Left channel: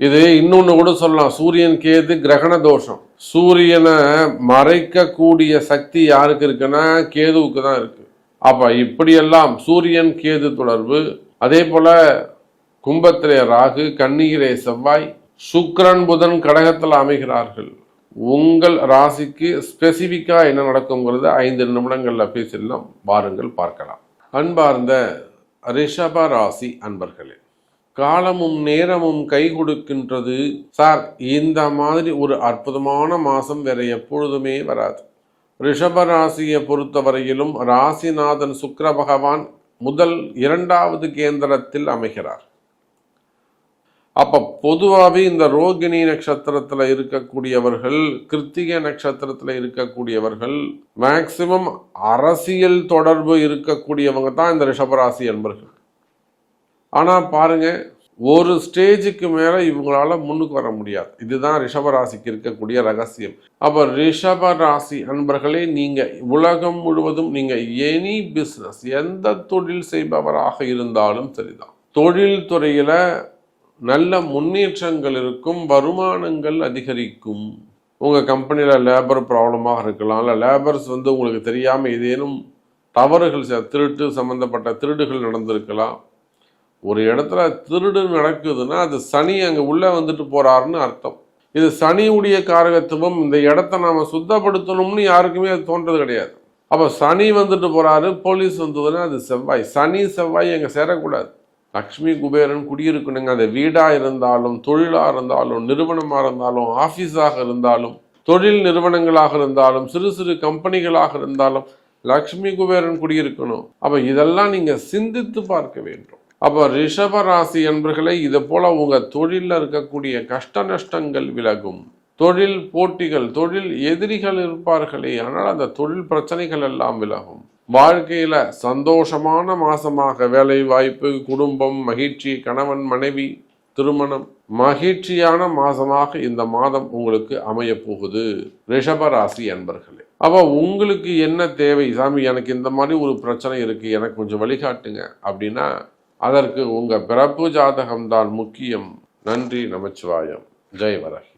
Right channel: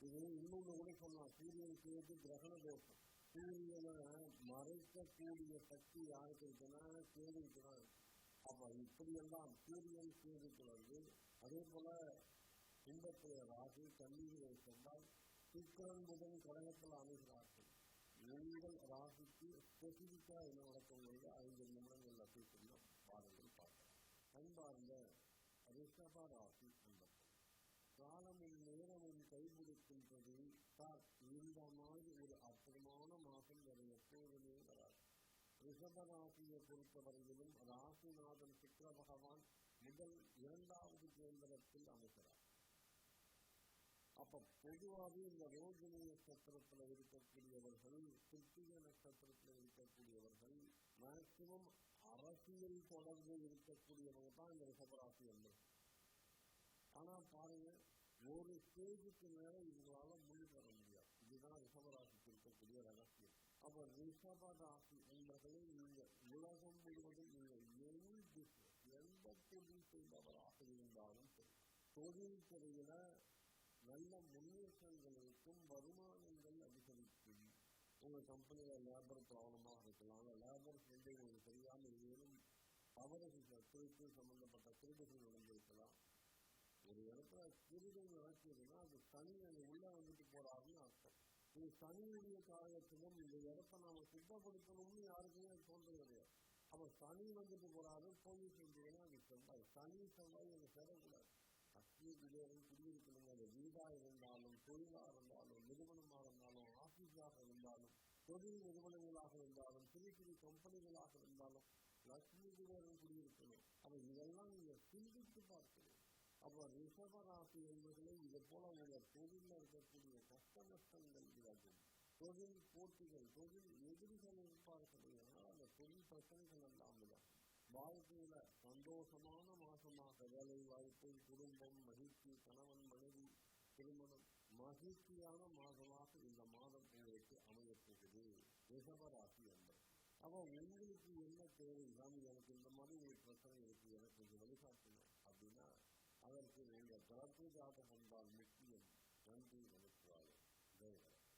இது இன்னொன்று கூட சொல்லலாம். சூரியன் கேது கிரகண தோஷம். சூரியனை மறைக்கக்கூடிய சக்தி யாருக்கு இருக்குன்னா கேதுவுக்கு தான் இருக்கு. அப்ப இப்படியெல்லாம் சூரியன் கேது தொடர்பு அதே போல கும்பத்திலே ராகு கண்ணீரே செவ்வாய் சுக்ரன் புதன் கடகத்தில் அமைகிறார்கள். உங்கள் ராசிக்கு ஸ்பெசிஃபிக்காக என்ன நடக்குங்கிறத ஐந்து நிமிடங்களில் பேசிடலாம். வாருங்கள் பார்க்கலாம். அன்பார்ந்த ரிஷப ராசி அன்பர்களே காலமும் நேரமும் கை கொடுக்கின்றது. சார் இந்த மாதிரி ஒரு அற்புதமான மாதம் வேற எப்பொழுதுமே வராது. ரிஷப ராசியை பொறுத்தவரையிலும் ராசிநாதன் சுக்கர பகவான் முதல் இரண்டாவது கேந்திரத்தில் அமைகிறார். அப்போ பொதுவாகவே இந்த ரோகிணி நட்சத்திரத்தில் இருக்கக்கூடியவர்கள் கிருத்திகை நட்சத்திரத்தில் இருக்கக்கூடியவர்கள் மேக்சிமம் அரசியல் தொடர்பு இருக்கக்கூடியவங்க தான் இந்த ரிஷபராசி என்பர்கள். ஆனால் பாருங்க ஒரு ஸ்டேஜுக்கு மேலே இவங்களால முன்னுக்கு வர முடியாது. இதுதான் ரிஷபராசிக்கு இருக்கக்கூடிய ரகசியம். அப்போ ரிஷபராசி அன்பர்களே நீங்கள் உலகம் முழுவதும் நீங்கள் எனி பிஸ்னஸ் எந்த தொழில் செய்பவராக இருந்தாலும் சரிதான். தொழில் துறையில் நல்ல முன்னேற்றங்கள் இருக்கும் வருமானங்கள் அதிகரிக்கும். உங்கள் கம்பெனியில் லேபர் ப்ராப்ளமாக இருக்கலாம் இல்லை லேபர்ஸ் வந்து உங்களுக்கு தெரியாமல் ஏதேனும் தவறுகள் திருட்டு சம்மந்தப்பட்ட திருடுகள் நடந்திருக்கலாம். ஒரு இடத்துல திருடு நடக்குதுன்னா அது சனி அங்கே உள்ளே வந்துட்டு போகிறாருன்னு அர்த்தம். இது சனியுடைய காரகத்துவம் இந்த இடத்த நாம் சுத்தப்படுத்தணும்னு யாருக்குமே அது தோன்றது கிடையாது. அப்போ சனி வந்துட்டு போகிறாரு போலீஸ் வந்ததுன்னா அது செவ்வாய். சனி செவ்வாய் அங்கே சேரக்கூடாது. லக்ஷ்மி குபேரன் குடியிருக்கணுங்க. அந்த வீடாக இருந்தாலும் தொழிலாக இருந்தாலும் நிறுவனமாக இருந்தாலும் ஆஃபீஸாக இருந்தாலும் தொழில் நிறுவனங்களாக இருந்தாலும் சிறு சிறு கம்பெனிகளாக இருந்தாலும் லக்ஷ்மி குபேரன் குடியிருக்கணும். அப்போ இதெல்லாம் நீங்கள் சிந்தித்து பார்க்க வேண்டும். அப்போ ரிஷப ராசி என்பர்களை இது போல் உங்கள் தொழிலில் இருக்கக்கூடிய கஷ்ட நஷ்டங்கள் விலகும். தொழில் போட்டிகள் தொழில் எதிரிகள் இருப்பார்களே ஆனால் அந்த தொழில் பிரச்சனைகள் எல்லாம் விலகும். வாழ்க்கையில் சந்தோஷமான மாசமாக வேலை வாய்ப்பு குடும்பம் மகிழ்ச்சி கணவன் மனைவி திருமணம் மகிழ்ச்சியான மாசமாக இந்த மாதம் உங்களுக்கு அமைய போகுது ரிஷபராசி அன்பர்களே உங்களுக்கு என்ன தேவை? சாமி எனக்கு இந்த மாதிரி ஒரு பிரச்சனை இருக்குது எனக்கு கொஞ்சம் வழிகாட்டுங்க. அப்படின்னா அதற்கு உங்கள் பிறப்பு ஜாதகம்தான் முக்கியம். நன்றி நமச்சிவாயம். ஜெய் வரகி.